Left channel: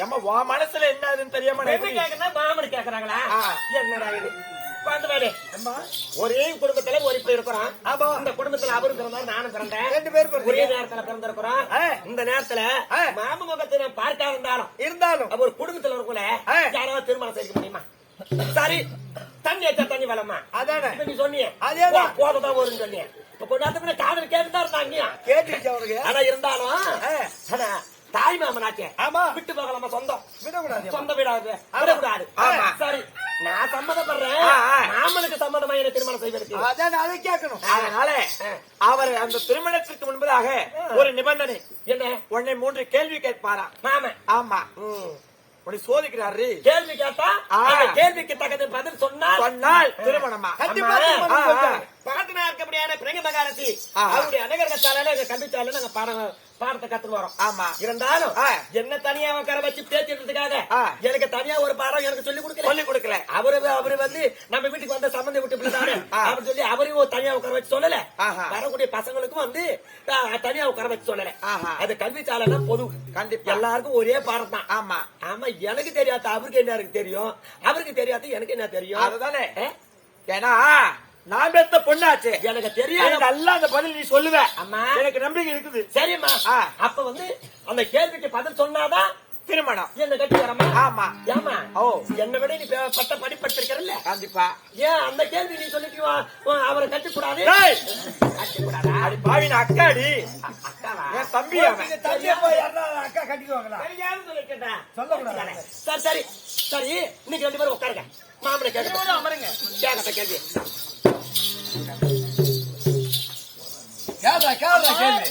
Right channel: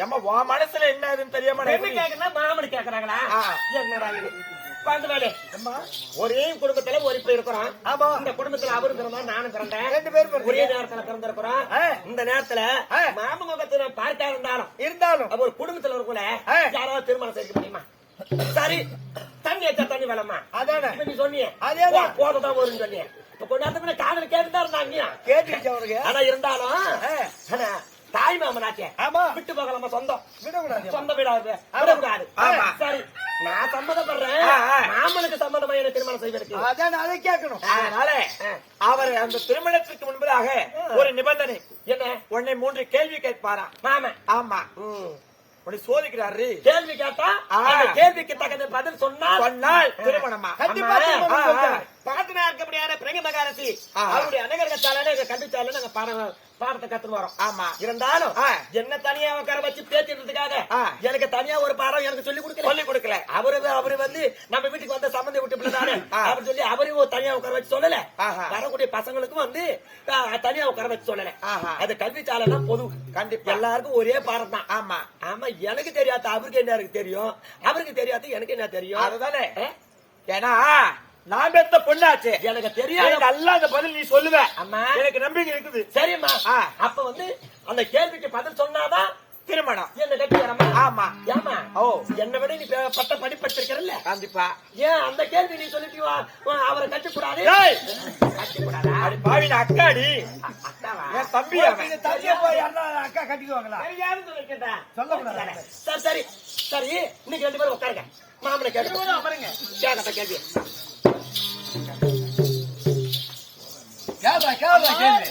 ஏம்மா உன் மனசுல என்ன ஆகுதுன்னு தெரியாம மாமனு கேக்குறாங்களா. என்னடா இது ஒரே குடும்பத்துல ஒரு இப்ப இருக்கிறோம் ஆமா. இந்த குடும்பத்துல அவரும் பிறந்தார் நானும் பிறந்தேன் ரெண்டு பேரும். ஒரே நேரத்துல பிறந்திருக்கிறோம். இந்த நேரத்துல. மாம முகத்தை பார்க்க இருந்தாலும் இருந்தாலும் ஒரு குடும்பத்துல இருக்கல ஆ. யாராவது திருமணம் செய்ய முடியுமா சரி தண்ணி வச்சா தண்ணி வேலம்மா அதானே நீ சொன்னியே அதேதான். போதான் வரும்னு சொன்னியே இப்ப முன்ன காதல் கேட்டுதான் இருந்தாங்க கேட்டுச்சு அவருக்கு ஆனா இருந்தாலும். ஆனா தாய் மாமனாச்சே. ஆமா. விட்டு போகலாமா சொந்தம். விடக்கூடாது சொந்த வீடாது விடக்கூடாது. ஆமா. சரி. நான் சம்மதப்படுறேன். மாமனுக்கு சம்மதமா என்ன திருமணம் செய்வதற்கு? அதான் அதை கேட்கணும். அதனால அவர் அந்த திருமணத்திற்கு முன்பதாக ஒரு நிபந்தனை. என்ன? உன்னை மூன்று கேள்வி கேட்பாராம் மாமன். ஆமா. உன்னை சோதிக்கிறாரு. கேள்வி கேட்டா கேள்விக்கு தகுந்த பதில் சொன்னால் சொன்னால் திருமணமா. பாட்டனா இருக்கக்கூடியான பிரங்க மகாரசி. அவருடைய அனகரகத்தால கல்விச்சால நாங்க பாடம் பாடத்தை கத்துட்டு வரோம் ஆமா இருந்தாலும். என்ன தனியா உட்கார வச்சு பேசிடுறதுக்காக ஆ. எனக்கு தனியா ஒரு பாடம் எனக்கு சொல்லி கொடுக்கல சொல்லி கொடுக்கல அவரு அவரு வந்து நம்ம வீட்டுக்கு வந்த சம்பந்தி விட்டு பிள்ளைதானே ஆ. அப்படி சொல்லி அவரையும் தனியா உட்கார வச்சு சொல்லல. வரக்கூடிய பசங்களுக்கும் வந்து தனியா உட்கார வச்சு சொல்லல. அது கல்வி சாலைனா பொது கண்டிப்பா. எல்லாருக்கும் ஒரே பாடம் தான் ஆமா ஆமா எனக்கு தெரியாத அவருக்கு என்ன தெரியும் அவருக்கு தெரியாது எனக்கு என்ன தெரியும் அதுதானே? ஏன்னா நான் பெத்த பொண்ணாச்சு. எனக்கு தெரியாது நல்லா அந்த பதில் நீ சொல்லுவ. அம்மா. எனக்கு நம்பிக்கை இருக்குது. சரிம்மா. அப்ப வந்து அந்த கேள்விக்கு பதில் சொன்னாதான் திருமணம். என்ன கட்டி வரமா ஆமா. ஏமா ஓ. என்னை விட நீ பட்ட படிப்பட்டிருக்கிறல்ல கண்டிப்பா. ஏன் அந்த கேள்வி நீ சொல்லிட்டு வா, வா, அவரை கட்டக்கூடாது? கட்டக்கூடாதா? அடி பாவின அக்காடி. அக்காவா? என் தம்பி அவன். நீங்க தள்ளியே போய் அக்கா கட்டிக்குவாங்களா. சொல்லக்கூடாது. சரி சரி. சரி இன்னைக்கு ரெண்டு பேரும் உட்காருங்க. மாமனை கேட்கட்ட கேள்வி. கேள்வி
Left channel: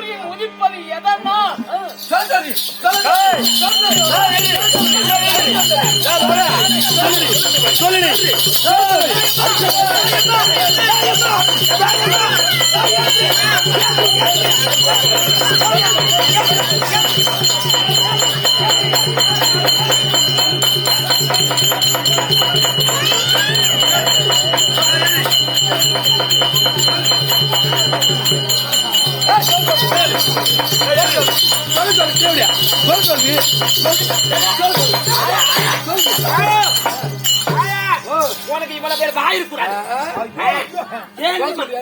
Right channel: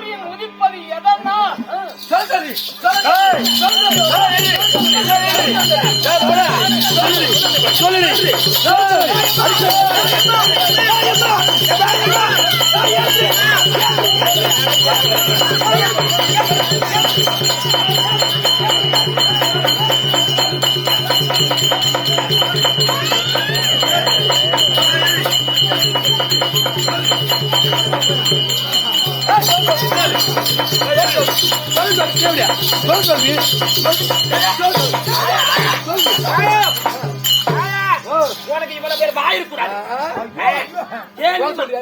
சூரியன் உதிப்பது எதனால்? சொல்லி உனக்கு இவ்வளவு பேர் வாயிருக்கூடாது இருக்கக்கூடாது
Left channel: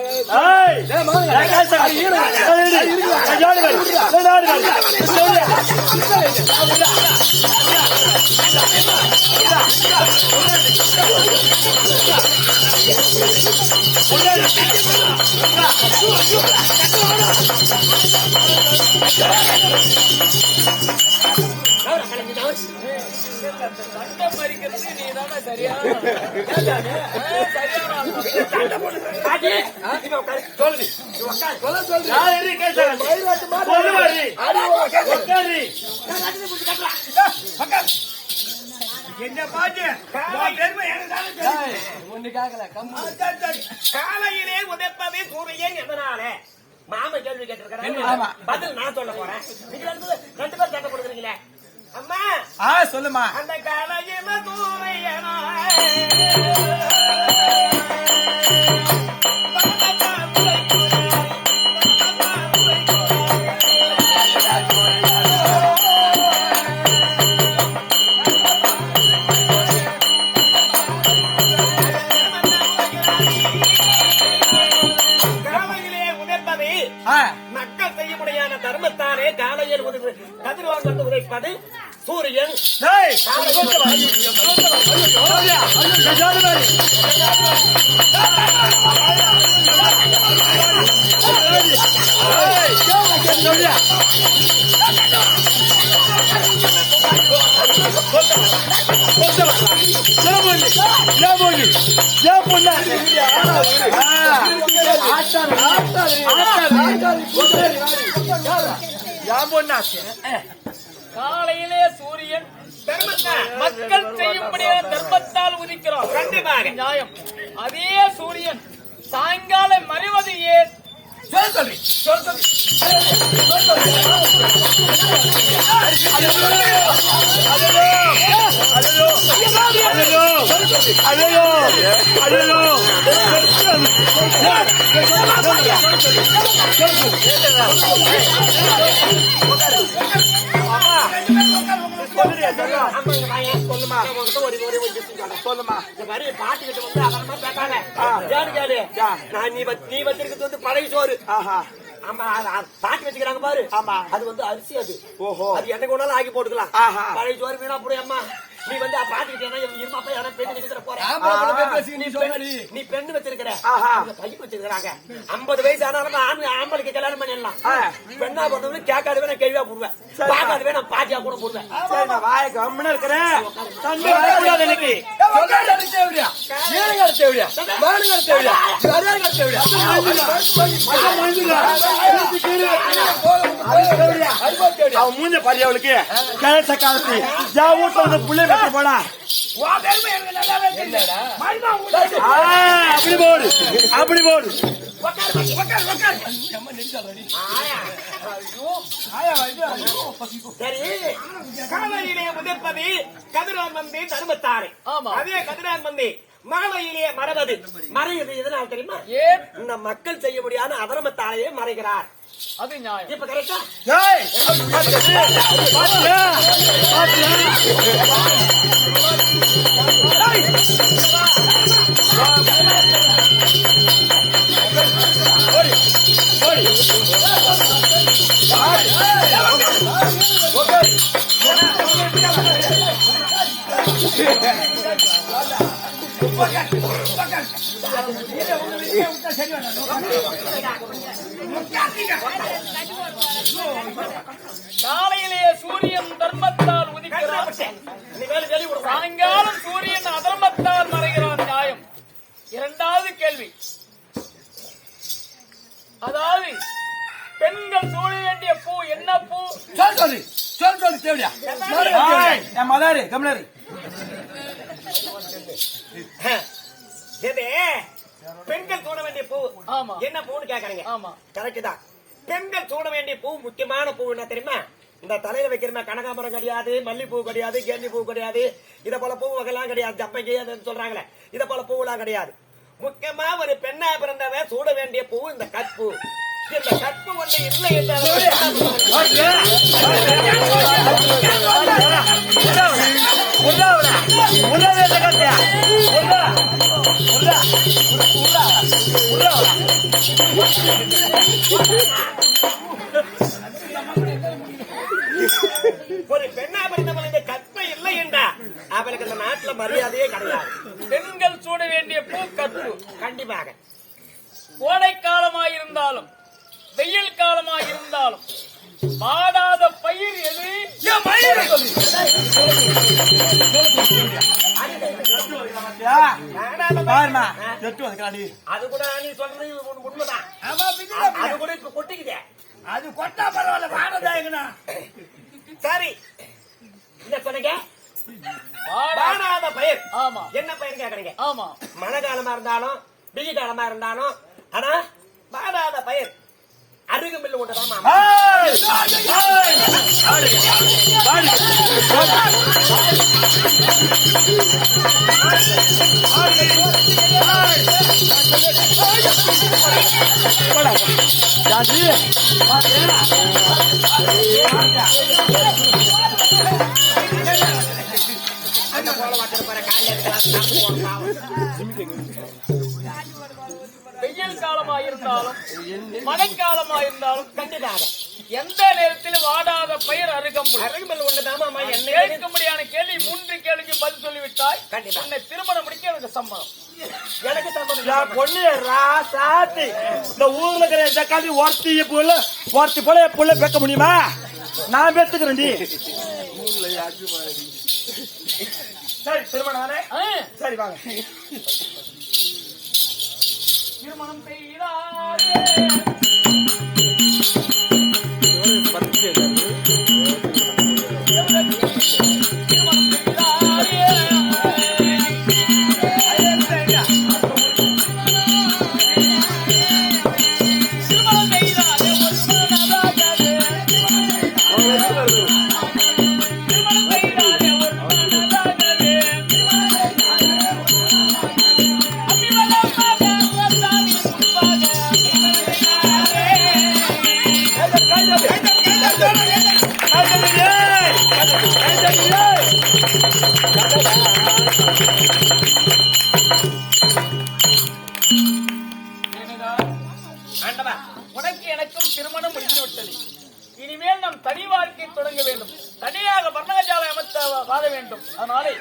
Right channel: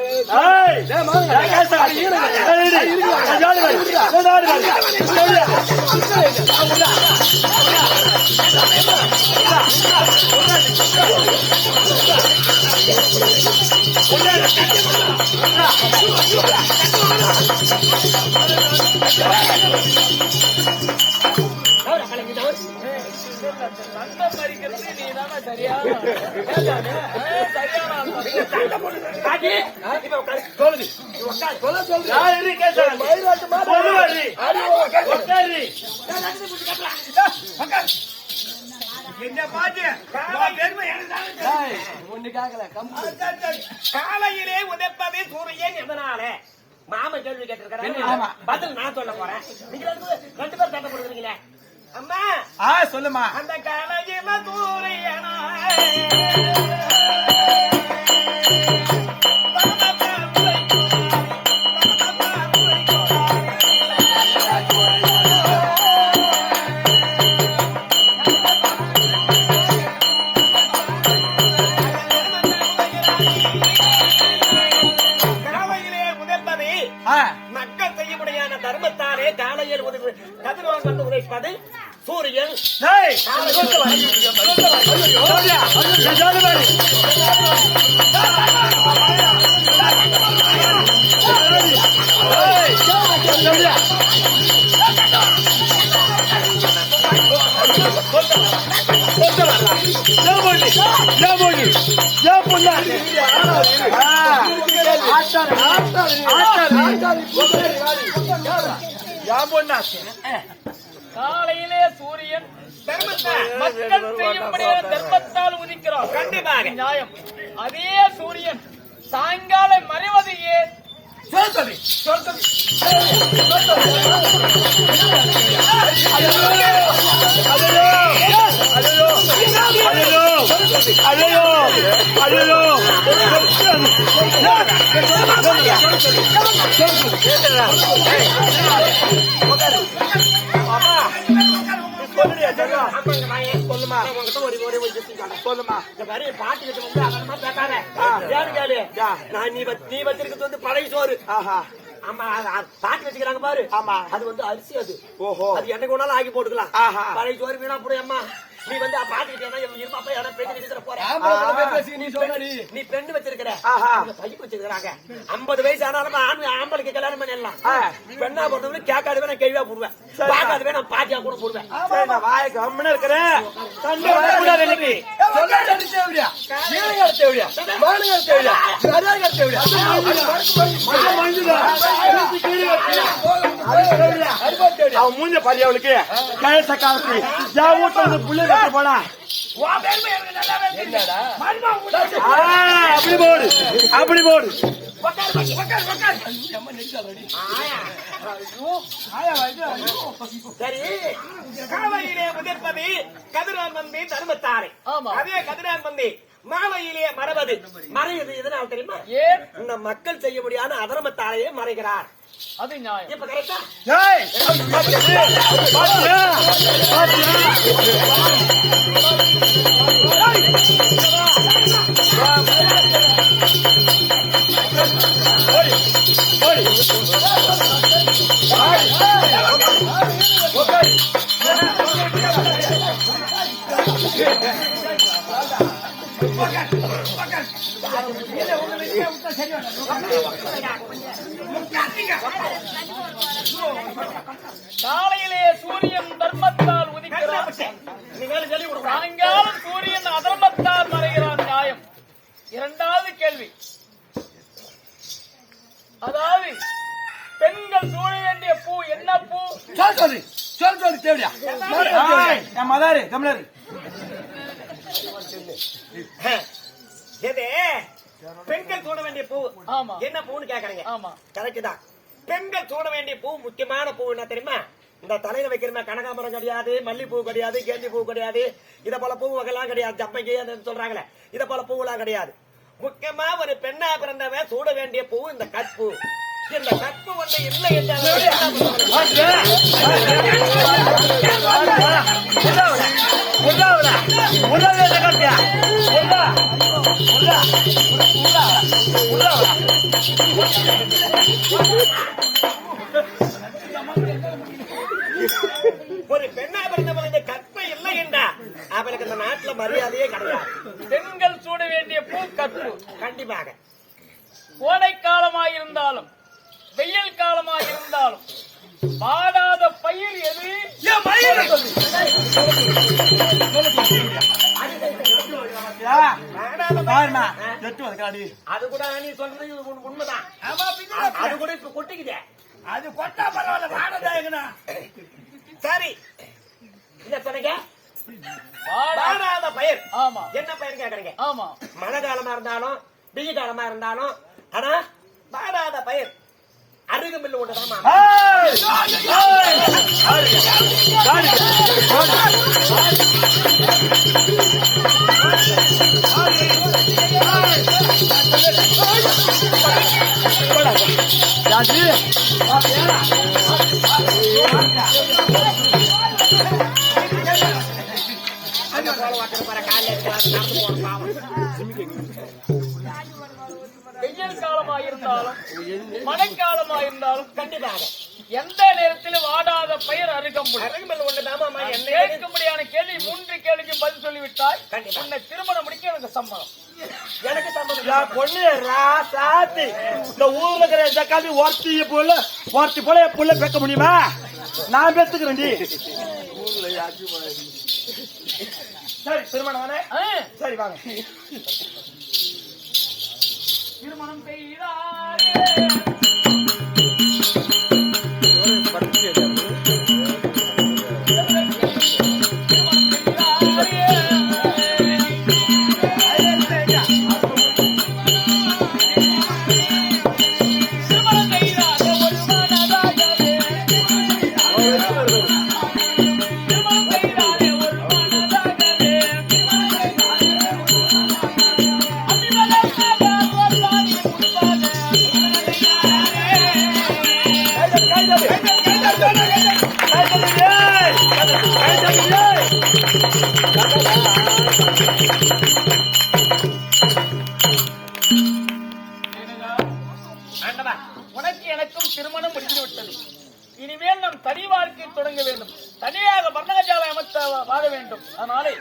என்ன பாட்டு தானே தெரியும். காலையிலே உதைப்பதே சூரியன் எதனால மாம கேள்வி கேட்டிருக்கிறேன். பதில் நான் சொல்ல போறேன் நீங்க ரெண்டு பேரும் சண்டை போடுறீங்களே ஆ சொல்லுமா அந்த காலையில சூரியனா தர்மத்தாலே காலையில் உதவி கதிரோன் வந்து உதைப்பது சூரியன் டேய், காலை சொல்லிட்டு வா. ஏன் பொண்ணாச்சு? காலையிலே சூரியன் தர்மத்தை மக்கள் செய்யும்படியான தர்மத்தால் உதிக்கிறார். கண்டிப்பாக. நியாயம். அதே சூரியன் சாயங்காலம் மறைவது ஏன் சொல்ல சொல்லி சொல்ல சொல்லி சொல்லுறியா, சொல்லு. ஆமாங்க, வாயேன். சொல்லுமா ஒரு ஒரு. சொல்லுமா இந்த மாதிரி பாட்டுக்கிட்ட வந்து அதனமா பேசாத ஏன்னு கேளு நான் நீ நீ வச்சிருக்கிறது வந்து பழைய சோறு ஆமா அது- அது பாட்டு வச்சுக்கிறாங்க பாரு ஆமா அது வந்து அரிசி அது ஓஹோ அது என்னைக்கு வேணாலும் ஆக்கி போட்டுக்கலாம் பழைய சோறு வீணா போடு அம்மா நீ வந்து பாட்டுக்கிட்டே இருமாப்பா யாரா பெண்ணு வச்சுக்கிற போற நீ சொல்ற நீ. பெண்ணு வச்சிருக்கிற பையன் வச்சிருக்காங்க ஐம்பது வயசு ஆனாலும் ஆம்பளுக்கு கல்யாணம் பண்ணிடலாம் பெண்ணா பொறுத்தவரை கேட்காதவே நான் கேள்வியா போடுவேன் பார்க்காதவே நான் பாட்டியா கூட போடுவேன் வாய கம்முன்னு இருக்கிறேன் வரக்கூடாது தேவையா தேவையா மானுங்க தேவையா தேவையா அவன் மூஞ்ச கேட்ட காலத்து என் வீட்டுல அந்த புள்ளை போனா அப்படி போடு அப்படி போடு காலையிலே முதற்பது கதிரான் வந்து தர்மத்தாரை. அதே கதிரான் வந்து மாலையிலே மறவது. மறைவது எதனால் தெரியுமா? இந்த மக்கள் செய்ய முடியாத அதர்மத்தாரையே மறைகிறார். அது நியாயம். இப்ப கரெக்டா ஏய், காலையிலே சூரியன் தர்மத்தால் உதிக்கிறான் சாயங்காலம் சூரியன் அதர்மத்தால் மறைகிறான் நியாயம். இரண்டாவது கேள்வி. அதாவது பெண்கள் சூழ வேண்டிய பூ என்ன பூ? சொல்ல சொல்லி சொல்ல சொல்லி தேவையா? மதாரு கம்னரு எது பெண்கள் சூட வேண்டிய பூ. என்ன பூன்னு கேக்குறீங்க? ஆமா. கரெக்ட் தான். பெண்கள் சூட வேண்டிய பூ முக்கியமான பூ என்ன தெரியுமா? இந்த தலையில வைக்கிற கனகாமரம் கிடையாது மல்லிப்பூ கிடையாது கேண்டி பூ கிடையாது. இத போல பூ வகைலாம் கிடையாது. ஜப்பங்கி சொல்றாங்களே. இத போல பூவெல்லாம் கிடையாது. முக்கியமா ஒரு பெண்ணா பிறந்தவ சூட வேண்டிய பூ இந்த கற்பு. இந்த கற்பு ஒன்று இல்லை என்றால் ஒரு பெண்ணா பிறந்தவள் இந்த கற்பை இல்லை என்றா. அவளுக்கு இந்த நாட்டுல மரியாதையே கிடையாது. பெண்கள் சூட வேண்டிய பூ கற்பு கண்டிப்பாக. கோடை காலமாயிருந்தாலும் வெயில் காலமாயிருந்தாலும் மாடாத பயிர் எது? அது கூட நீ சொல்றது உண்- உண்மைதான். அது கூட இப்ப அது கொட்டா பரவாயில்ல வாடதாயங்கண்ணா சரி. என்ன சொன்னீங்க? வாடாத பயிர். ஆமா. என்ன பயிர் கேக்குறீங்க? ஆமா. மழை காலமா இருந்தாலும் வெயில் காலமா இருந்தாலும் ஆனா வாடாத பயிர். மாமா அந்த போல வாக்கிற போற காலையில இருக்கு நடந்து போன பாவம் வெயில் காலமாயிருந்தாலும் மழைக்காலமாயிருந்தாலும் கண்டிப்பாக. எந்த நேரத்திலும் வாடாத பயிர் அருகம்புல். அருகம்பில் ஒன்றுதான் மாமா என்ன கேட்கும்படியான கேள்வி மூன்று கேள்விக்கு பதில் சொல்லிவிட்டாய். கண்டிப்பா. உன்னை திருமணம் முடிக்க எனக்கு சம்மதம். எனக்கு என் சம்பந்தம் பொண்ணு ராசாத்தி இந்த ஊர்ல இருக்கிற காலி ஒருத்தி ஒருத்தி போல புள்ள பேக்க முடியுமா? நான் பேத்துக்கிறேன் டி. சரி திருமணம் தானே? சரி வாங்க. திருமணம் செய்தாரே. ஆண்டவா உனக்கு எனக்கும் திருமணம் முடிந்து விட்டது இனிமேல் நாம் தனி வாழ்க்கை தொடங்க வேண்டும். தனியாக பர்ணகஜாலை அமைத்த வாழ வேண்டும். அதனாலே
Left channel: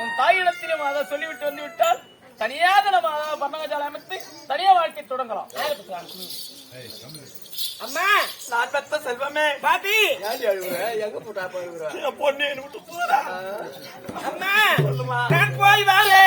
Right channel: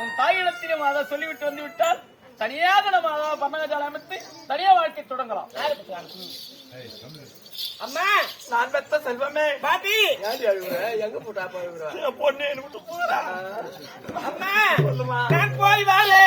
உன் தாயிடத்திலும் அதை சொல்லிவிட்டு வந்து விட்டால் தனியாக நம்ம பர்ணகஜாலை அமைத்து தனியாக வாழ்க்கை தொடங்கலாம். அம்மா! நான் பத்த செல்வமே. பாட்டி! எங்க போட்டா போய் பொண்ணு அம்மா! நான் போய் வாரே!